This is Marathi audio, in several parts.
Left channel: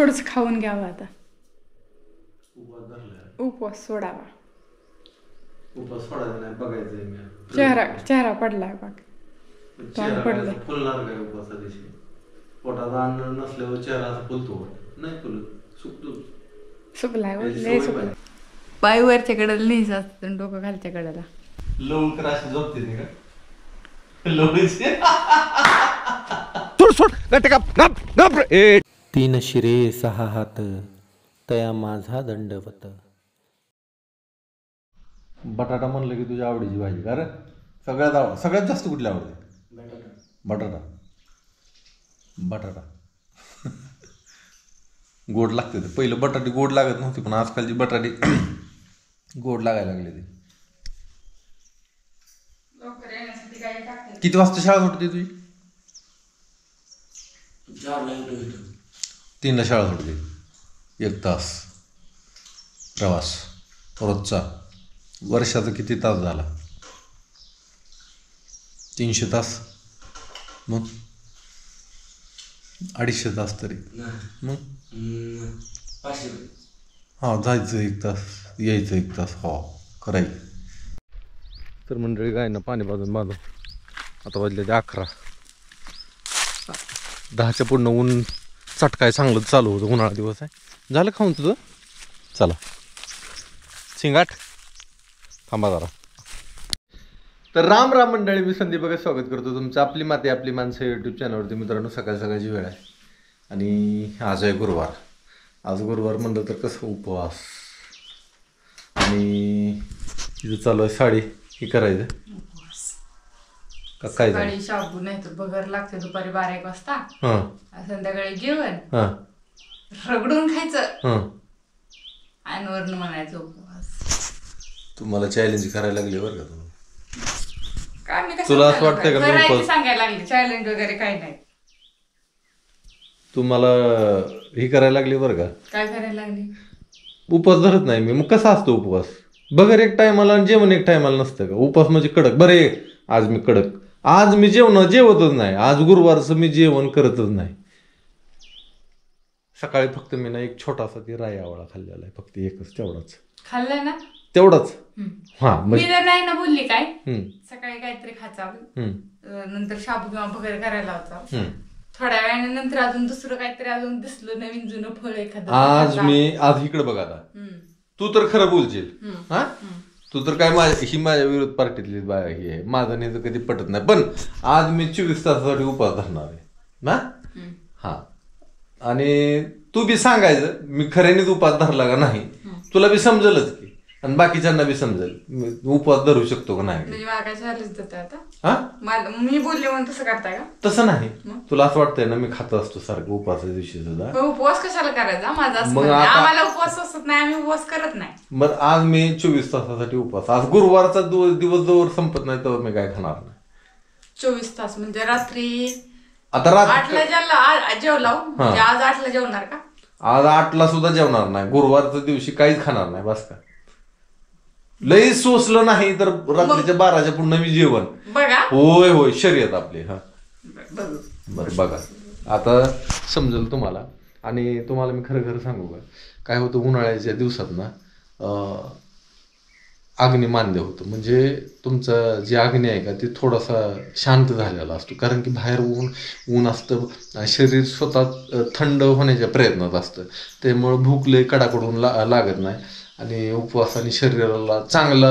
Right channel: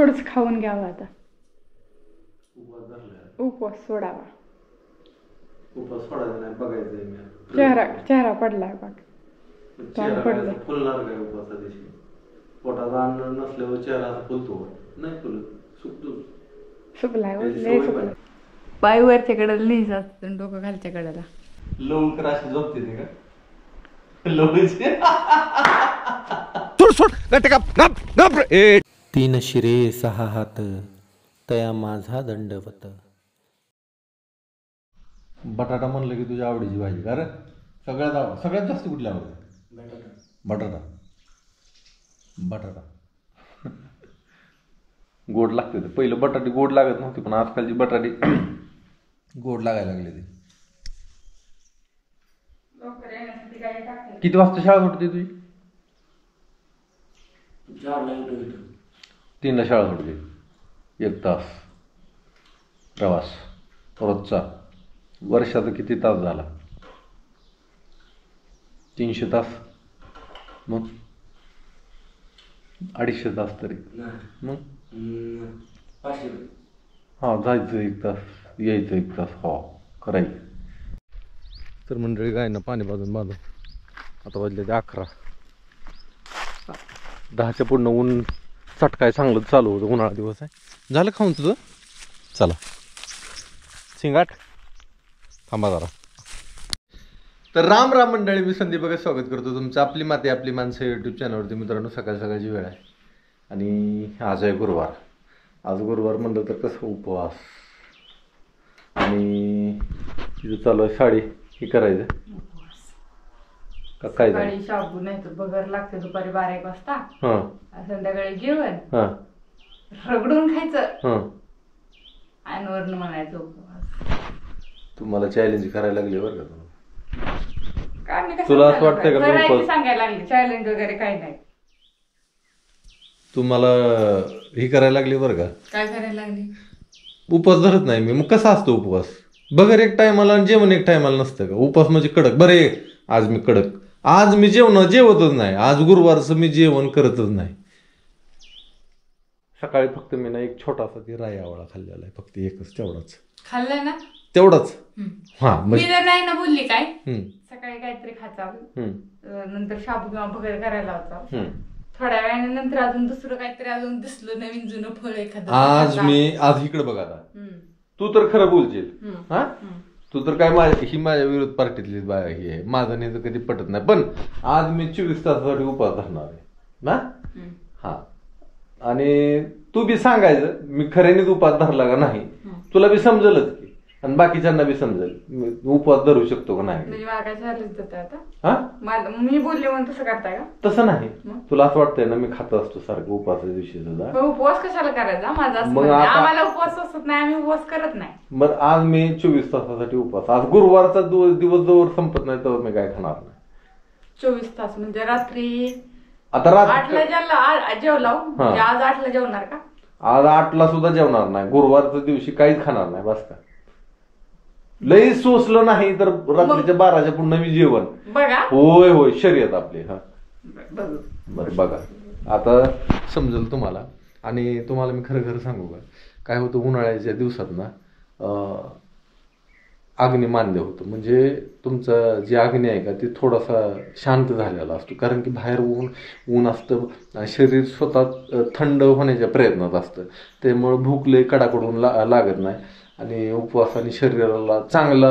थोडंसं खाऊन घ्यावं आता. उपवास सोडावा. उपवास सोडायचा नाही बघायचंय मी. चेहरा पडलाय बघ. चेहरा फुलणार काय उपवासा दिवशी? पोटात अन्न नसल्यावर चेहरा असा फुलतो नाही? फुलत सुकलाय. पाय वरच्या कडेला नाहीच असतं, डोकं खालच्या कडेला. लवकर अशी झोपते नाही का? लवकर तीन शिरे सहा हात तया माझा दंडवत. बटाटा म्हणलं की तुझ्या आवडीची भाजी का रे? सगळ्यात जास्त कुठली आवडते? बटाटा गोड लागते. पहिलं बटाटे गोड लागत नव्हती, पण आजकालची बटाटे गोड लागायला लागले. ते किती वाजता शाळा सुटते तुझी? 3ला शाळा सुटते. 1 तास प्रवास रोजचा. वर्षाचा किती तास झाला? 300 तास. मग 250 तास तरी. मग हां, जायचं 1 तास, यायचं 1 तास. हो करायचं. तर मंडळी गायनं पाणी बांधून आता वाजले ते 11. 10च्या पुढनं ऊन चटकाय चांगलं चालू होतं. उन्हाळा दिवस आहे. झालं खाऊन तुझं? चला शिंगाट थांबा जरा. तर राम राम मंडळी, मी संदीप बघा स्वागत करतो तुमचं आपली माती आपली माणसं यूट्यूब चॅनलवरती. मित्रांनो, सकाळची वेळ आहे आणि आज आहे गुरुवार. आज गुरुवार म्हणलं तर कसं उपवास. आणि तिथं चालू आहे साडी हे करायचं काय सकाळी शाबू नाही तर बगर लागते. दुपारी 12-1 वाजता. संध्याकाळी जेवण रगडून खायचं आणि वरण म्हणायचं उपवास. तुम्हाला चॅलेंज करायला लागले बरं का? तुला असं वाटतंय का सांगायला लागले चॅलेंज वगैरे काही नाही? तुम्हाला हे करायला लागले बरं का? काय करायला लागले? उपवास धरत नाही मी. मग कसा असतो उपवास? बगर एक टायमाला आणि जेवण एक टायमाला नसतं का? उपवास म्हणजे कडक. बरे आज मी कडक. आज मी जेवतच नाही. आज गुरुवारचं मी जेवण करतच नाही. सकाळी फक्त मी ना एक छोटासा ती राई आवळा खाल्लेला आहे. फक्त एकच. तेवढाच खाल्लाय ना? तेवढाच. हा मी तर नाही ना बोलली काय. सकाळी काहीतरी खायचं, नंतर शाबू किंवा वगैरे करायला होता. थोड्या वेळाने नंतर अजून दुसरं काहीतरी अजून दिसलं नवीन जुनं फळ एखादं. आज इकडे बघा आता. तू तर खरं बोलशील. हा तू तर काय माझ्या विरोध पार्टीतली ही आहे. माझं नाही तर कधी पटत नाही. पण आज मी 24 तासासाठी उपवास धरणार आहे ना. हा आणि तू बी सांगायचं मी खऱ्यानेच उपवास धरला का नाही. तुला बी समजलच की आणि बाकीच्यांना बी समजेल उपवास धरू शकतो का नाही. मी बोलले म्हणून तसं करताय का? तसं नाही. तुला असं वाटतंय ना मी खात असतो सारखं उपवासाच्या दिवशी सुद्धा. उपवास कशाला करायचा माझा? आम्हाला उपवास असत नाही, आम्ही उपवास करत नाही. मग आज मी 24 तासासाठी उपवास. आज गुरुवारचा दिवस जवळ संपत नाही तर मी काय खाणार नाही. 24 तास म्हणजे रात्री आता 8ला जेवला म्हणजे आज 8ला जेवणार का? आज 8ला सुद्धा जेवणार नाही. गुरुवारच्या दिवशी काहीच खाणार नाही. बस का लई सोसलं नाही तर रात्रीच्या 12च्या पुढे मी जेवण. बघा होय होय शर्यत आपली. हा बरं बघा आता समजेल तुम्हाला. आणि तुम्हाला मी खरं सांगू का काय होतं उन्हाळ्याच्या दिवसात ना अग्नी मान्य होतं. म्हणजे तुमचं जे अग्नी आहे का ते थोडासा शांत झालेला असतो. कारण की बाहेर ऊन असतं, शरीर स्वतः थंड होण्याच्या प्रयत्नात असतं. त्यामुळं भूक लई कडाकडून लागत नाही आणि उपवासाने शरीराला चांगला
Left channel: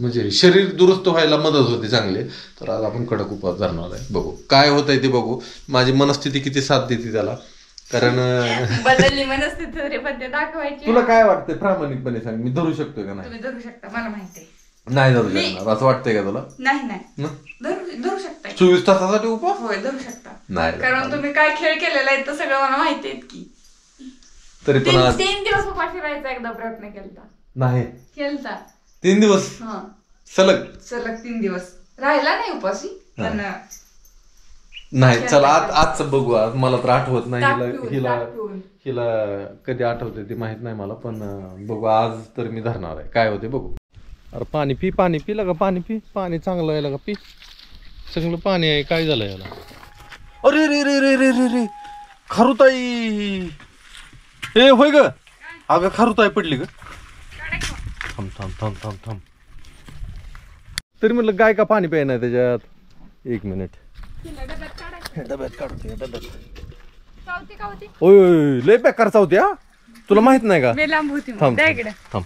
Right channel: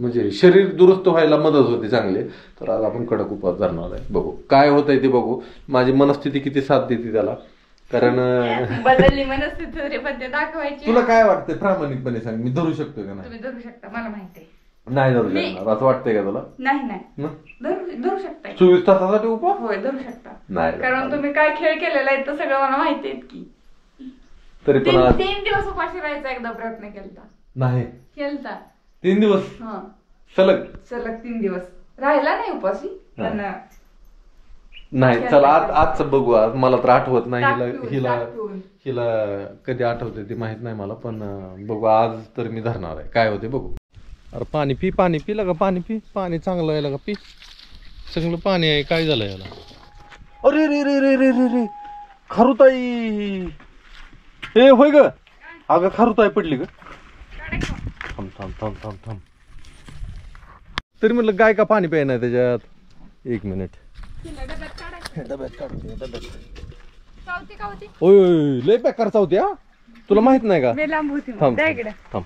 म्हणजे शरीर दुरुस्त व्हायला मदत होते चांगले. तर आज आपण कडक उपवास धरणार आहे. बघू काय होतंय ते बघू. माझी मनस्थिती किती साथ देते त्याला. कारण बदलली मनस्थिती पण ते दाखवायची. तुला काय वाटतंय प्रामाणिकपणे सांग. मी धरू शकतोय का नाही? तुम्ही धरू शकता मला माहिती नाही धरू शकणार असं वाटतंय का तुला? नाही धरू शकता. 24 तासासाठी उपवास? होय धरू शकता. नाही कारण तुम्ही काय खेळ केलेला आहे तर सगळं मला माहिती आहे की. तरी पण 3 दिवस उपाशी राहायचा एकदा प्रयत्न केलता. नाही केलता 3 दिवस सलग 3 दिवस राहिला नाही उपाशी. पण नाही चला आजचं बघू. आज मला तर आठवत नाही. हिला कधी आठवते ते माहित नाही मला. पण बघू आज तर मी धरणार आहे. काय होते बघू. अरे पाणी पी लगा. पाणी चांगलं आहे लगा. पी सगळं पाणी आहे. काय झालं याला? अरे रे रे रे रे रे रे खारुताई ए होय ग अगं खारुताई पडली ग. थांब थांब थांब थांब थांब. तरी म्हटलं गाय का पाणी प्यायना त्याच्यात. एक मिनिट डब्यात काढते डब्यात. ओय लय बेकार चावती हा. तुला माहित नाही का. थांब थांब.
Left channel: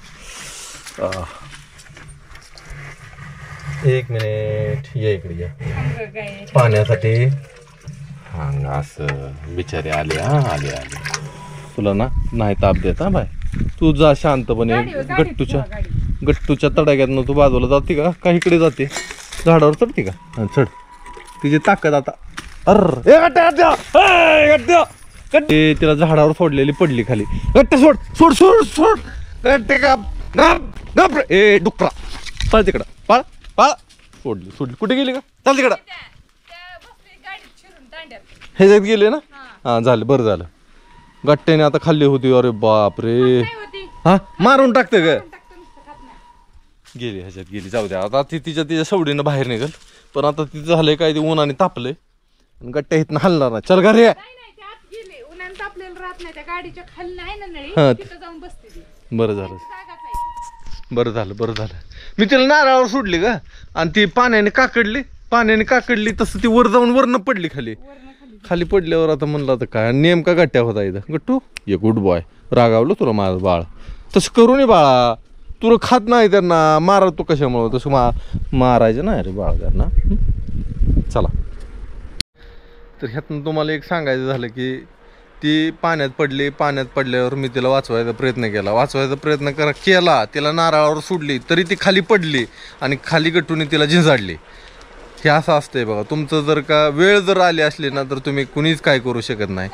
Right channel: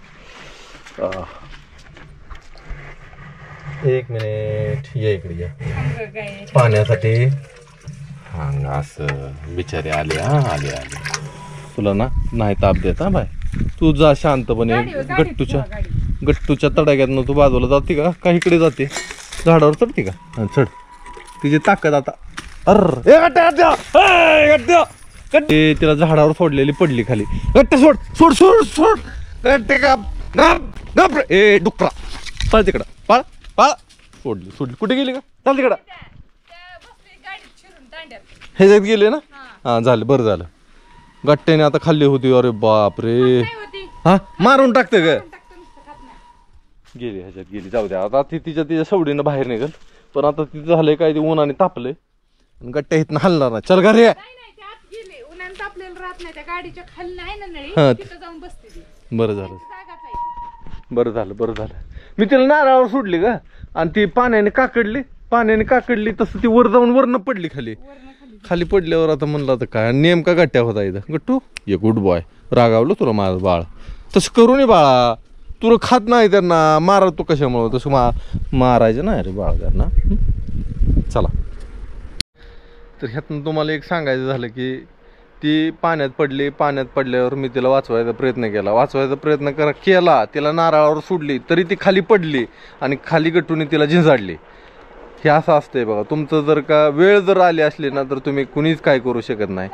एक मिनिट ये इकडे या पाण्यासाठी. हा असं बिचारे आले हा आले आले. तुला ना नाही ताप देत हा बाय. तू जा शांतपणे. गट्टूच्या तडाग्यातनं तू बाजूला जाते का इकडे जाते झाडावर चढते का. हा चढ. तिची ताकद आता. गट्टे तिला झाडावर सोडलेली पडली खाली. गट्टे सोड सोड सोड सोड. गट्टे गप ए डुकरा पळ तिकडं पळ पळ. सोडली सोडली. कुठे गेली का. चाल तिकडं. ह्याच्यात गेले ना. हा झालं बरं झालं. गट्ट्याने आता खाल्ली होती. अरे बाप रे. हा मारून टाकते ग. गेली ह्याच्यात गेली. जाऊ द्या आता ती तिच्या सवडीनं बाहेर निघल. पण आता तिचं झालंय काय ते उन्हाने तापलंय. गट्ट्या इथनं हलणार नाही. चल घरी. बरं झालं बरं झालं बरं झालं. मी तिला नारळावर सोडली का आणि ती पाण्याने काकडली तसं ती वर जाऊन वरनं पडली खाली पडल्यावर आता म्हणलं आता काय नेमका गट्ट्या होता इथं. गट्टू ये गुड बॉय. रागावलं तुला माझं बाळ. तसं करू नये बाळा. तुला खात नाही त्यांना मारा. तू कशामुळं तसं मारायचं नाही रे बाळ त्यांना. चला. तर ह्यातनं तुम्हाला एक सांगायचं झालं की ती पाण्यात पडल्यावर मी तिला वाचवायचा प्रयत्न केला. तिला नारळावर सोडली तरी ती खाली पडली आणि खाली गट्टूने तिला झिंजाडली. हे असं असतंय बघा. तुमचं जर का वेळ जर आली असली ना तर तुम्ही कुणीच काय करू शकत नाही.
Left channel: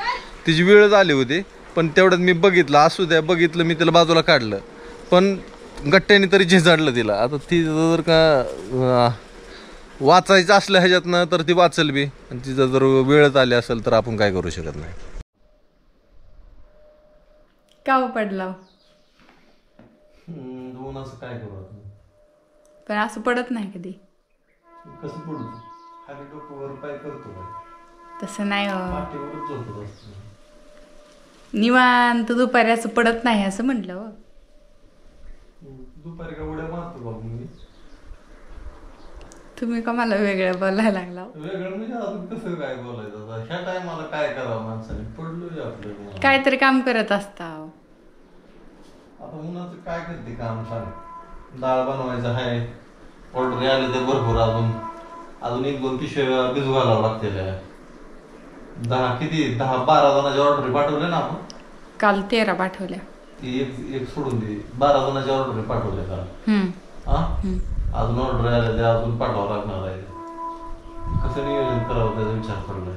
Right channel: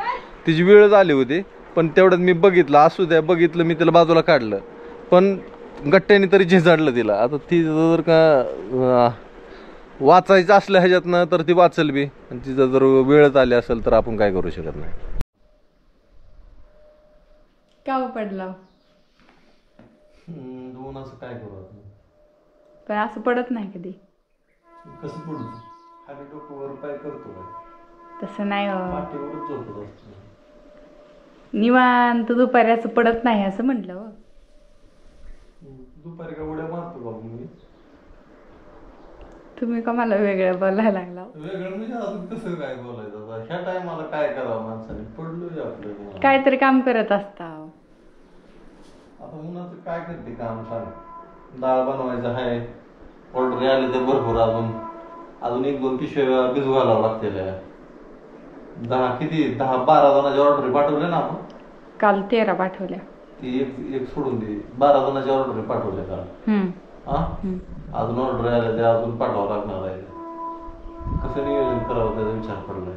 तिची वेळच आली होती पण तेवढ्यात मी बघितलं. असू द्या बघितलं मी तिला बाजूला काढलं पण गट्ट्याने तरी झिंजाडलं तिला. आता ती जर का वाचायचं असलं ह्याच्यातनं तर ती वाचल बी आणि तिचा जर वेळच आली असेल तर आपण काय करू शकत नाही. का पडला असं काय करू पण असं पडत नाही कधी. कसं पडू खाली डोकं वर पाय करतो तसं नाही. पाठीवरच झोपत असतो. निवांत दुपारी असं पडत नाही असं म्हटलं. दुपारी का उड्या मारतो बाबू मी. तुम्ही का मला वेगळं बोलायला लागला. वेगळं म्हणजे अजून कसं काय बोलायचं. ह्या टायमाला काय करावं माणसाने. पडलोय आपलं काहीतरी काम करत असता. आता उन्हाचं काय करते काम सांग. डाळ बनवायचं आहे. ऑर्डर आले ते भरपूर. अजून 1-2 पिशव्या भिजू घालावं लागते. 10-12 जणांच्या ऑर्डर पाठवले ना आपण. काल 13 पाठवल्या. ती एक सोडून दे. 12 जणांच्या ऑर्डर पाठवल्या काल. अजून ऑर्डर आले ते अजून पाठवावं लागणार आहे. कसं नियोजन करावं त्याचा विचार पडलाय.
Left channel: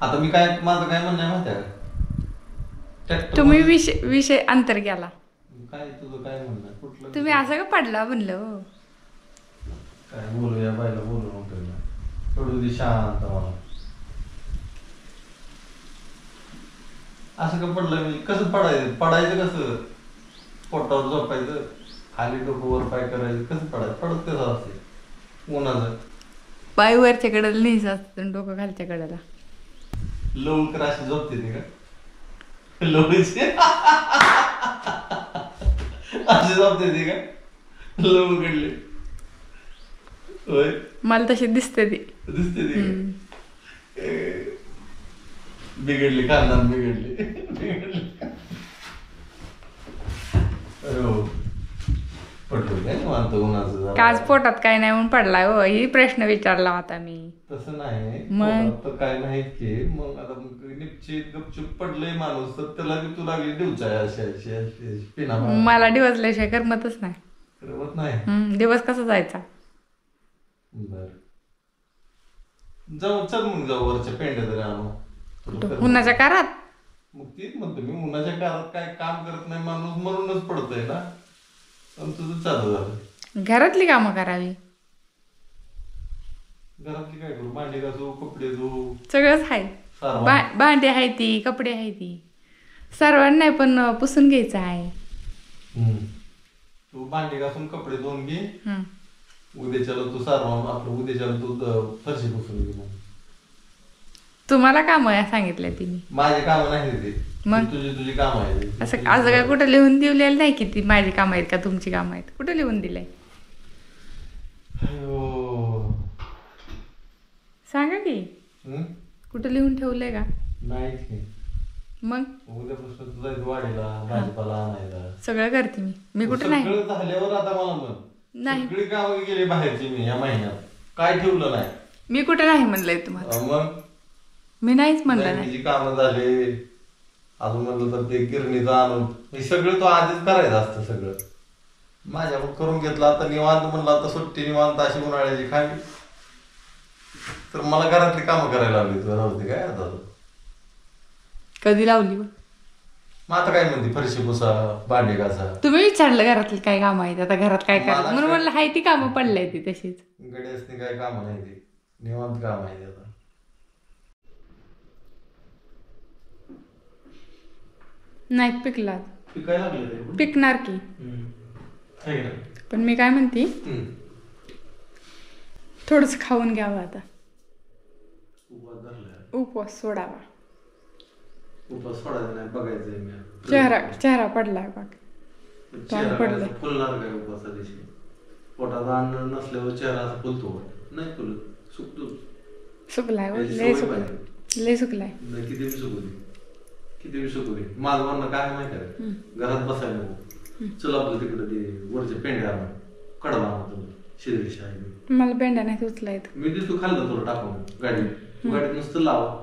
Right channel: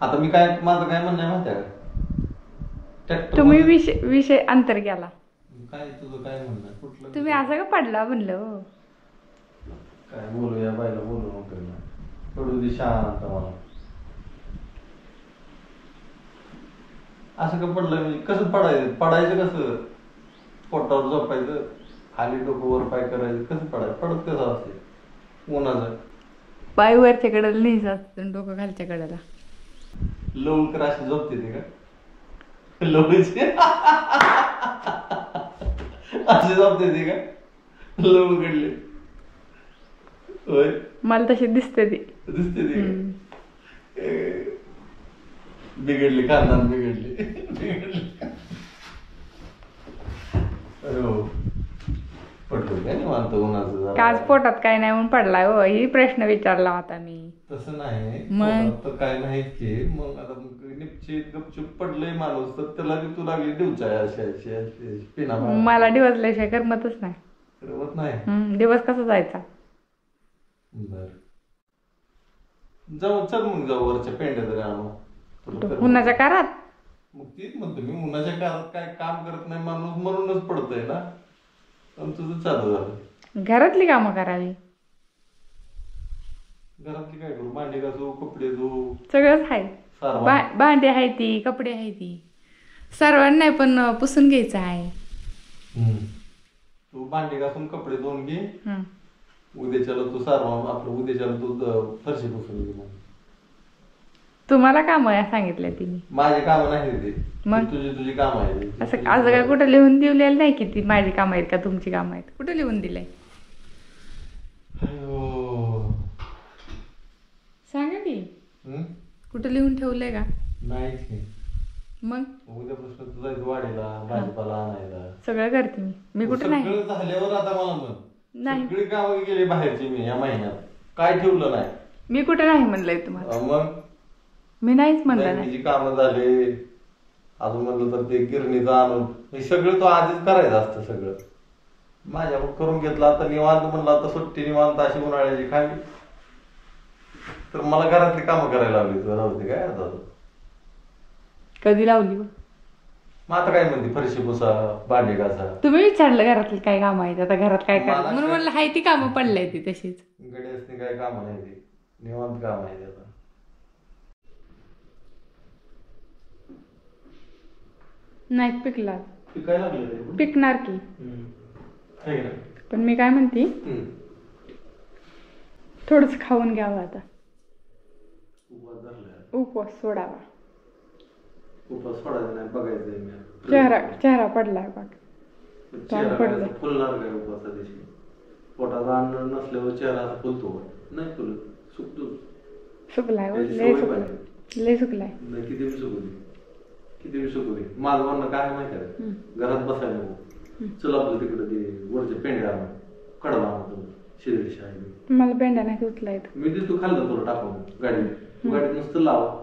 आता मी माझं काय म्हणणं आहे माहिती आहे का. तुम्ही विषय अंतर गेला. काय तुझं काय म्हणणं कुठलं. तुम्ही असं का पडला म्हणलं. काय बोलूया बायला बोलू नको. पडू दे शांत मला. असं का पडलं म्हणजे कसं पडायचं कसं. पोटावर झोपायचं खाली डोकं वर पाय करायचं. कसं पडत कसं असते उन्हाचं. पाय वरच्या कडेला नाहीच असतं डोकं खालच्या कडेला. लवकर अशी झोपते ते का लवची अशी झोपते ती का लवकडले. होय मला तशी दिसते ती. बिघडली खानदान बिघडली. काच पोटात काय नाही म्हणून पडलाय हो. ही प्रश्न विचारला होता मी. तसं नाही मग काय नाही की मग आता निश्चित गपचूप पडलंय माणूस तर त्याला तू लागली डिवचाय अशी मला डिवचल्याशिवाय करमतच नाही. करमत नाही. दिवस कसा जायचा. बर जाऊ चल मग जाऊ वरच्या पेंड्या तरी आणू. उन्हाच्या कारात. मग तीच म्हणतो मी उन्हाच्या कारात काय काम करत नाही माणूस म्हणूनच पडतोय ना. पण तुझं चालू झालं. घरातली कामं करावी. घरातली काय करू. भांडी घासू कपडे धुवू सगळंच आहे. भांडी आहे ती कपडे आहे ती सर्वांना नाही पण पुसून घ्यायचं आहे. तू भांडी घासून कपडे धुवून घे. उद्याच्याला तू सारवा आपलं उद्याच्याला तू फरशी पुसून घे. तुम्हाला काम सांगितलंय तिने. माझी कामं नाही ते, मग? तुझी कामं आहेत. असं काय कुठं लिहून दिलेलं नाही की ती माझी कामं आहेत का तुमची कामं आहेत, कुठं लिहून दिलंय सांगा की. कुठं लिहून ठेवलंय का? नाही. मग उद्यापासून तुझा वाढीला भाजीपाला आणायला सगळं करते मी कुठं नाही. सगळं झाल्यावर आता मला म्हण, नाही सगळी कामं गेली बाहेरची मी या महिन्यात, काय ठेवलं नाही. मी कुठं नाही म्हणलंय तुम्हाला. मग मी नाहीच म्हणलं नाही. बँकेची कामं झाले, अजून म्हणलं तर ते गिरणीचं आणून हे सगळं तो आधीच करायचं असतं सगळं. माझ्याकडून करून घेतलं. आता निवांत म्हणलं, आता सुट्टी निवांत अशी उन्हाळ्याची खावी, तर मला घरातली कामं करायला लावली. तुला नव्हती काय आता कधी लावली? मग आता काय म्हणते, फरशी पुसा, भांडी घासा. तुम्ही विचारलं घरातली काय कामं आहेत, आता घरात काय करा म्हणून म्हणलं हाय ती कामं पडलंय ती तशीच. गड्यासनी काय कामं नाही, ती निवांत काम आहे आता. नाही पिकला, पिकायला लागले पिकणार की. पण मी काय म्हणते, थोडस खाऊन घ्यावं आता, उपवास सोडावा. उपवास सोडायचा नाही, बघायचंय मी. चेहरा पडलाय बघ, चेहरा फुलणार काय उपवासा दिवशी? पोटात अन्न नसल्यावर चेहरा असा फुलतो नाही? फुलत, सुकतो. सुकलाय, लय सुकलाय. किती बी सुकू दे. माझं म्हणणं काय माहिती आहे, घरात बसायला नको. चल आपलं तिकडे ते वरचे पेंड्या आणून कडवा आणतो, शिदळीशी आहे. मला पेंड्या नाही उचला येत. मी तू खाल्लं तुला टाकून गाडीत नुसतं लावा.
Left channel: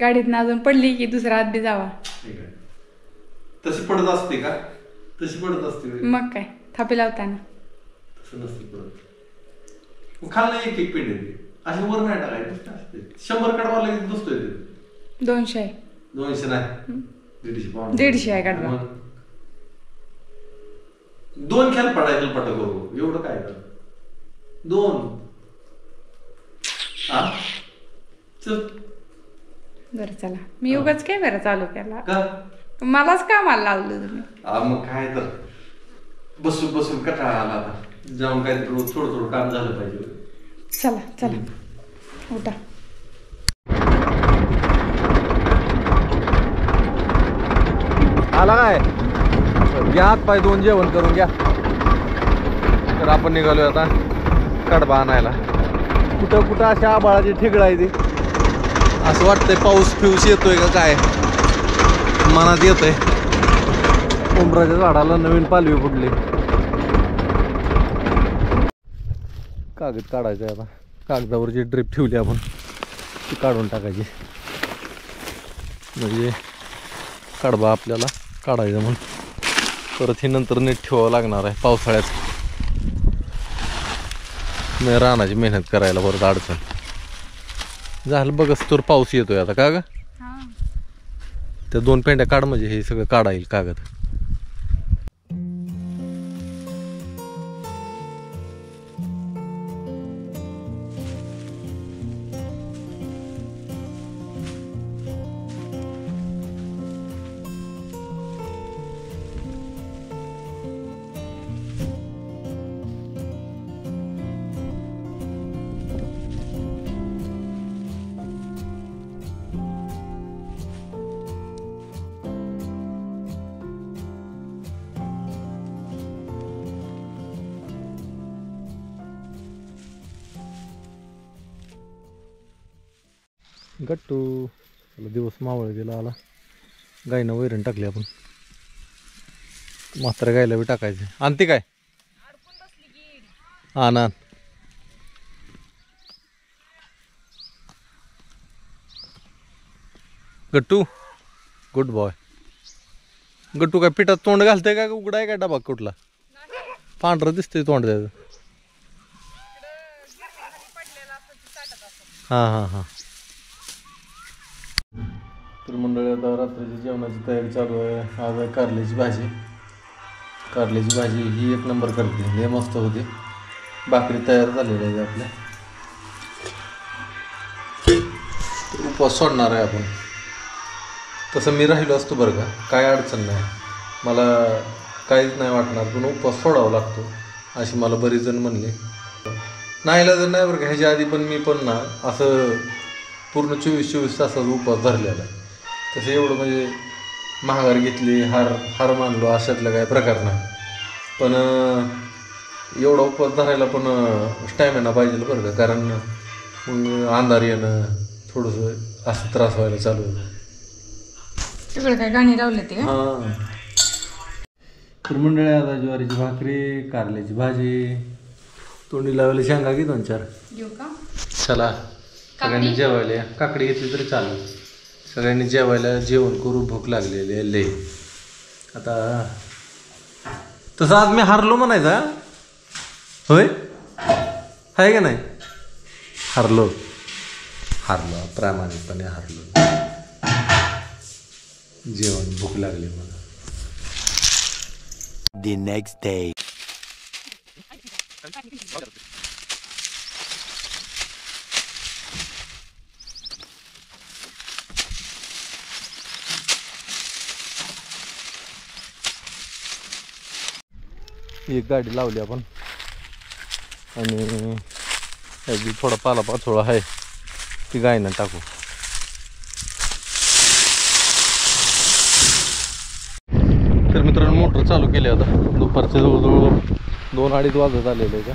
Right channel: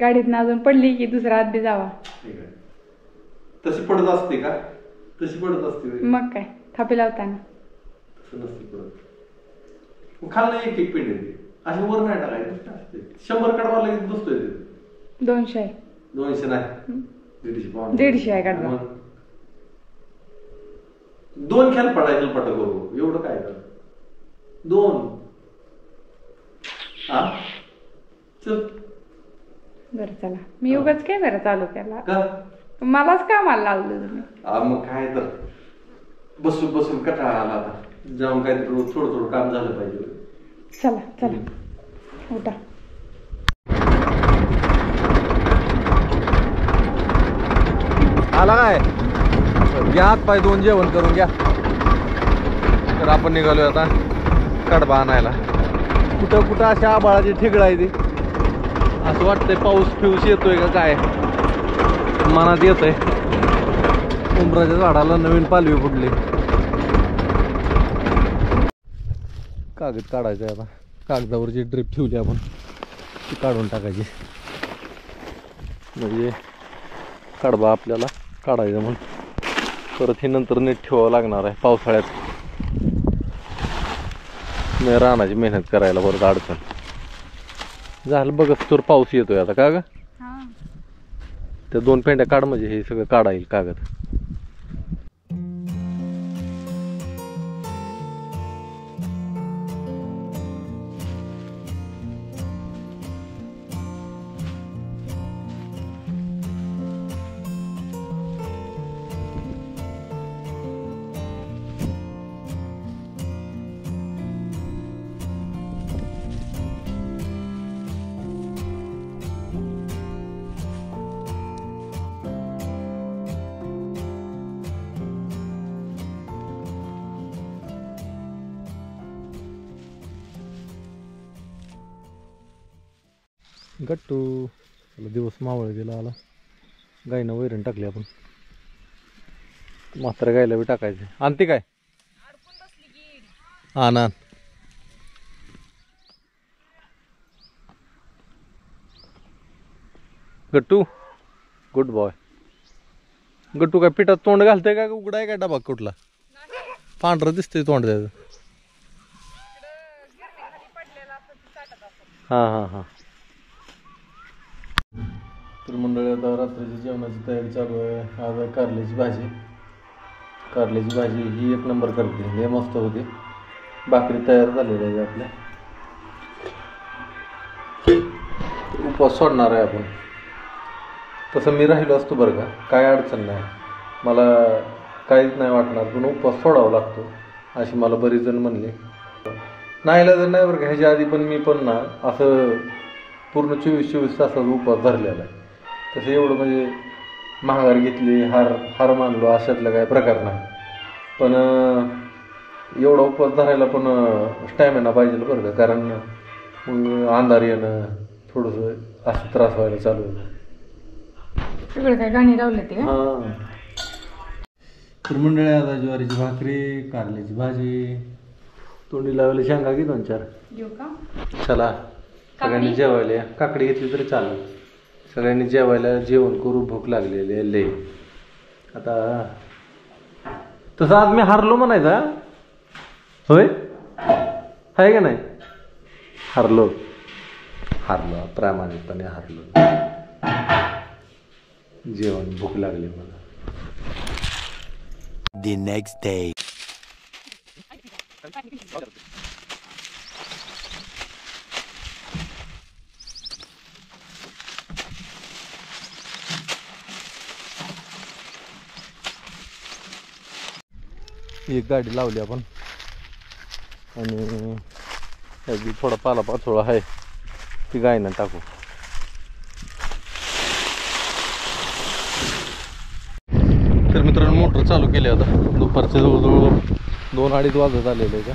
गाडीत अजून पडली की दुसरा हात बी जावा. तशी पडत असते का? तशी पडत असते मग काय थापी लावताना तसं नसते पडत. खाल्लं एक पेंडे ते अशी वर नाही टाकायचे. 100 कडवा लगेच बसतोय ते. 200 200 नाही, 150 आहे कडवा. 2 खेळ पडायचं पट करू, एवढं काय कर. 2 चल बरं चला. मी उगाच काय बरं चालू केला का? मलाच कामाला लावलं तुम्ही. मग काय तर बसून कटाळा आला. आता जाऊन काय थोडं काम झालं पाहिजे. चला उठा. आला काय? घ्या हात पाय दोन, जेवण करून घ्या. तर आपण निघालोय आता कडबा आणायला. कुठं अशा आबाळाची ठिगळ आहे ती. असं वाटतंय पाऊस फिऊस येतोय का काय, मनात येतंय. उंबराच्या झाडाला नवीन पालवी फुटली. कागद काढायचं आहे आता. कागदावर जी ड्रिप ठेवली आपण ती काढून टाकायची, म्हणजे कडबा आपल्याला काढायचं म्हणून. परत हे नंतर नीट ठेवावं लागणार आहे पावसाळ्यात. नाही रानाची मेहनत करायला परत अडचण झालं. बघच तर पाऊस येतोय आता का ग? त्या 2 पेंड्या काढ, म्हणजे हे सगळं काढा येईल कागद. गट्टू त्याला दिवस मावळ गेला आला. गायनं वैरण टाकली आपण. म्हाताऱ्या गायला बी टाकायचे. आणते काय? हा ना. गट्टू गुड बॉय. गट्टू काय पिठात तोंड घालतंय का उघडाय काय डबा कुठला? पांढरं दिसतंय तोंड त्याचं. हां. तर मंडळी आता रात्रीची जेवणाची तयारी चालू आहे. आज आहे कारल्याची भाजी. कारल्याची भाजी ही 1 नंबर करते, लय मस्त होते. भाकरी तयार झालेली आहे आपल्या. उपवास सोडणार आहे आपण. तसं मी राहिलो असतो बरं का, काय अडचण नाही, मला काहीच नाही वाटणार. पण उपवास सोडावा लागतो अशी मला बरेच जण म्हणले. नाहीला जर नाही बरं का. ह्याच्या आधी पण मी पण ना असं पूर्ण 24 तासाचा उपवास धरलेला आहे. तसं एवढं म्हणजे महागार घेतली हार मानलो अशातला काय प्रकार नाही. पण एवढा उपवास धरायला पण स्टॅमिना पाहिजे बरं का, कारण मग अंधार येणं थोडंसं असं त्रास व्हायला चालू होतं. सगळं काय गाणी लावले ते हां. तर मंडळी आता ज्वारीची भाकरी, कारल्याची भाजी, तोंडी लावायला शेंगा की 2-4 घेऊ का? चला सगळ्यांनी जेवायला या. काकडी घेतली तरी चालेल. सगळ्यांनी जेवायला जेवण करू, भूक लागलेली आहे लय. आता तसं आज मी हारलो म्हणायचा. होय आहे का नाही? हारलो प्रामाणिकपणे हारलो. जेवण भूक लागली मला. The next day. एक गाडी लावली आपण आणि त्याची थोडा पालापाचोळा आहे ती गायनं टाकू. तर मित्रांनो मोटर चालू केली आता. दुपारचे जवळजवळ 2-2:30 वाजत आलेले आहे का.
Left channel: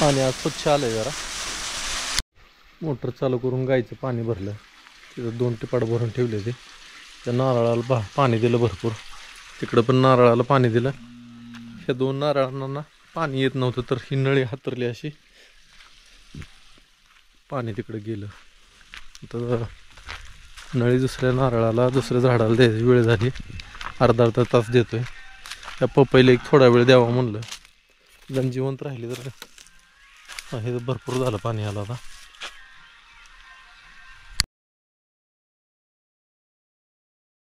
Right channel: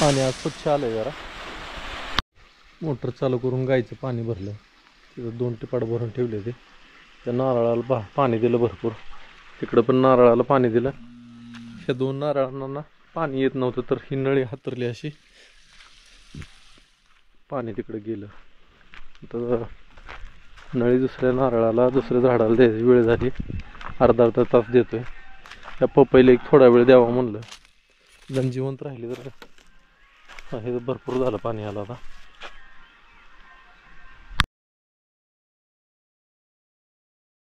पाणी आज स्वच्छ आलंय जरा. मोटर चालू करून गायचं पाणी भरलं. तिथं 2 टिपाड भरून ठेवले ते. त्या नारळाला पाणी दिलं भरपूर. तिकडं पण नारळाला पाणी दिलं. ह्या 2 नारळांना पाणी येत नव्हतं तर ही नळी हातरली अशी पाणी तिकडं गेलं. तर नळी दुसऱ्या नारळाला दुसऱ्या झाडाला द्यायची वेळ झाली. अर्धा तास देतोय. त्या पपईला एक थोडा वेळ द्यावा म्हणलं. जण जिवंत राहिली तर हे भरपूर झालं पाणी आलं आता.